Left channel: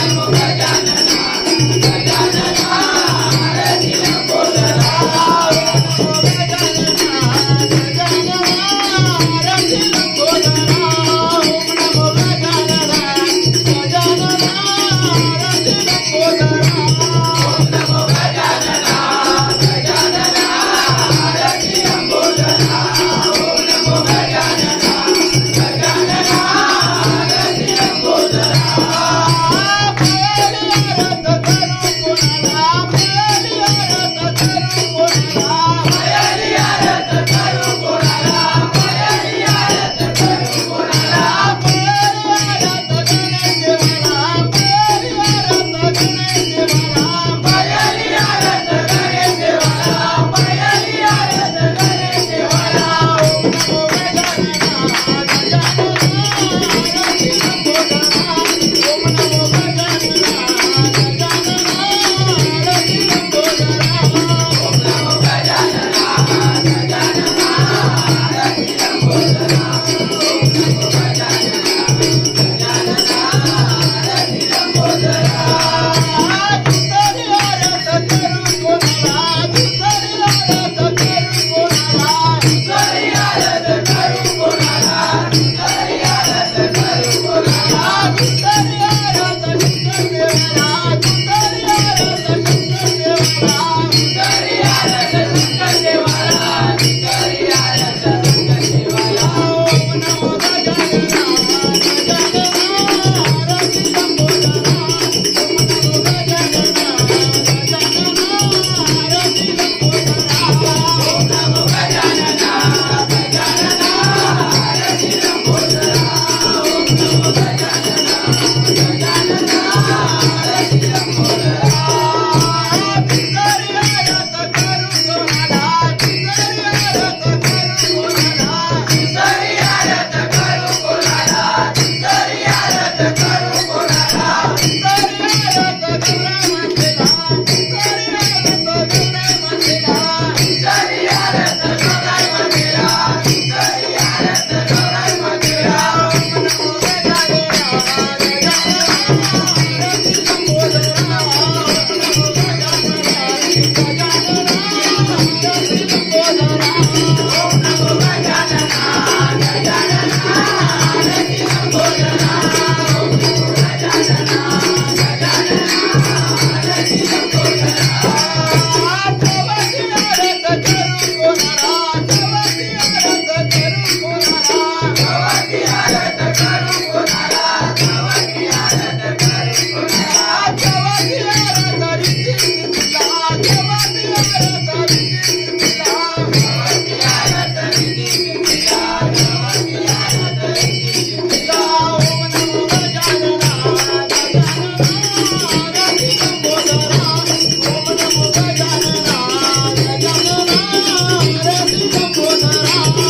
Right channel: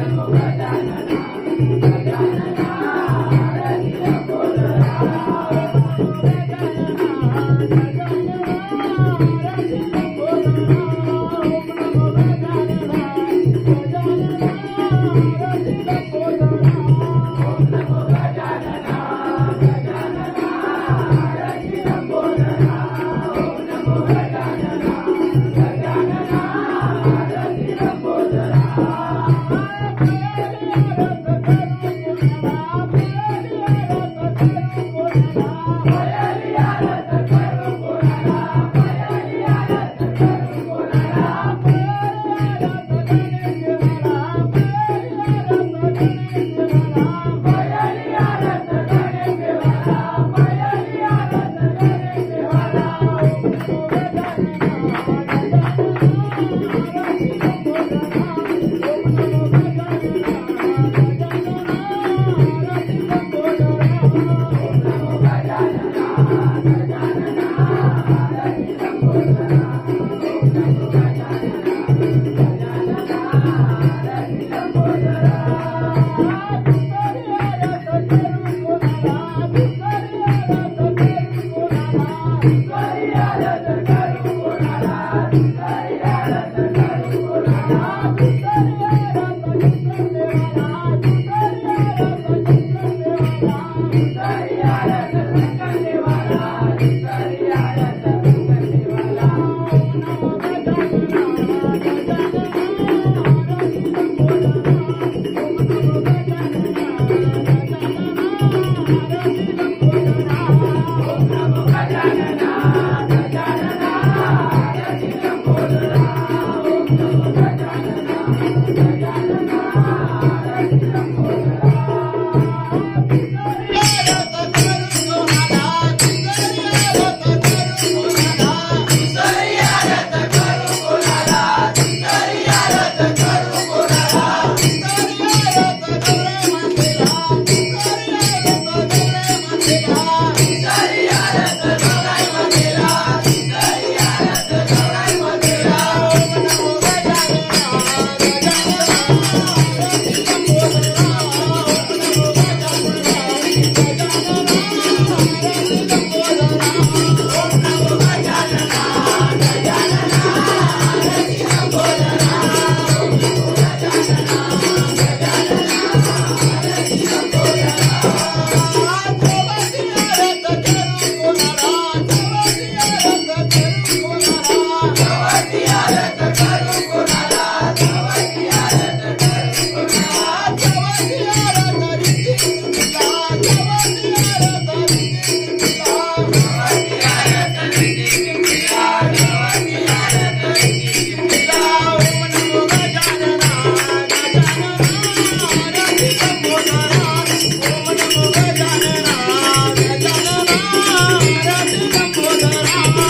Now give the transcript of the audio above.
Vamos Dios. Thank you.